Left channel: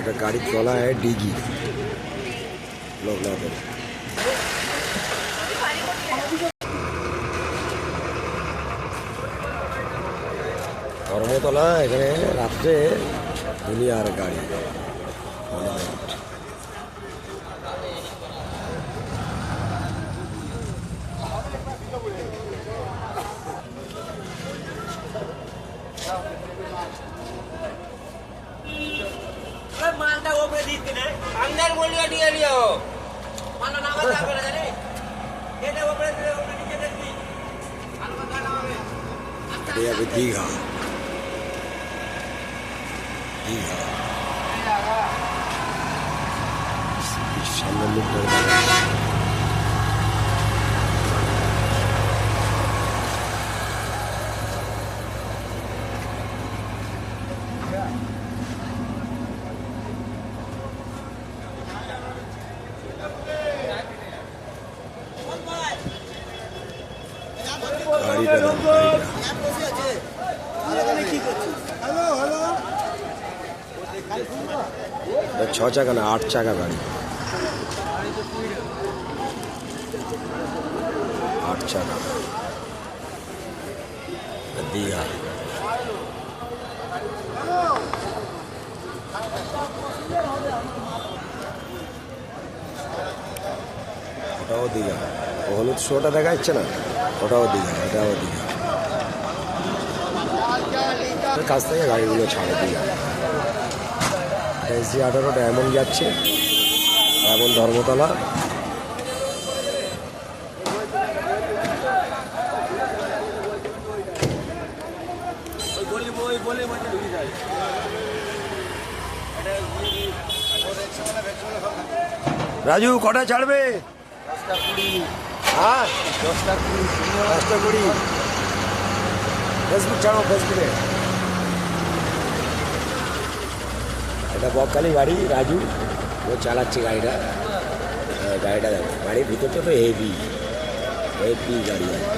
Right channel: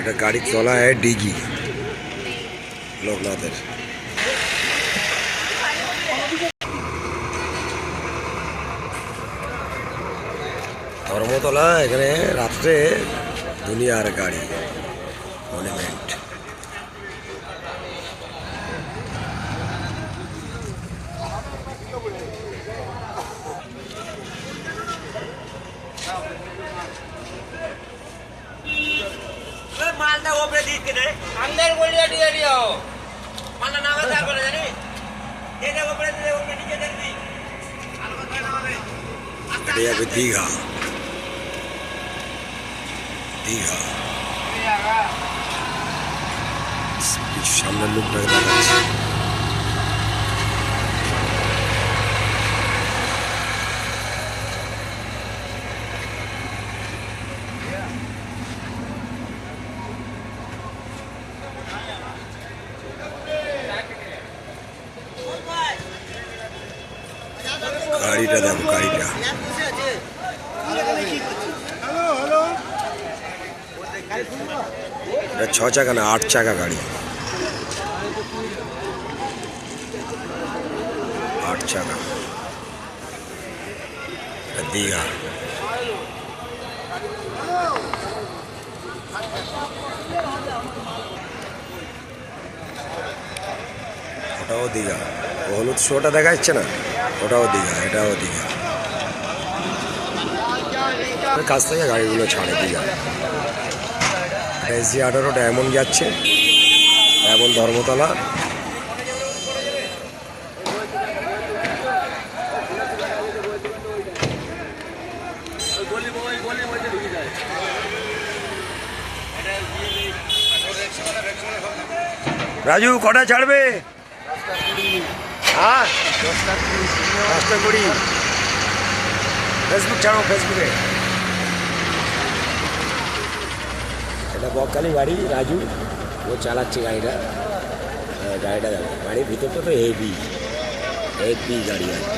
এটা গাড়ির তলায় ডিগি লোকনাথের। ধর্মতলা এখানে রাত্রে দুনিয়ার গাড়ি মনুমেন্ট। मालदा ओपरे दीद के नहीं अंदर गोलियां दिए लियो माना नागा जा बोला जाने ये दे ओपरे दिए ओपरे नीचे देख दी आलो बता ना बे এটা যাবে দীঘা। দীঘা সামনের লোকটাকে দেখাচ্ছে। গাড়িটা দেখো, গাড়িটা এটা 6 চাকা না 8 চাকা গাড়ি, 8 চাকা। দীঘা ওটাও দীঘা, ও হলুদ শোটা দেখা যাচ্ছে না, ওটাও দীঘা, এটাও দীঘা। কাছ থেকে গাড়িগুলো ছাড়ে দীঘা। SG 18 ডায়মন্ড যাচ্ছে, ডায়মন্ড ধর্মতলা। রাজু কটা ছাড়বে? 10টা 20। ফেসবুক ছাড়ো, ফেসবুকে। এটা বকখালি গাড়ি, রাজু ও চালাচ্ছে গাড়িটা। গাড়িটা দেখো, গাড়ির ভিতরটা তো হেভি হেভি গাড়ি আছে।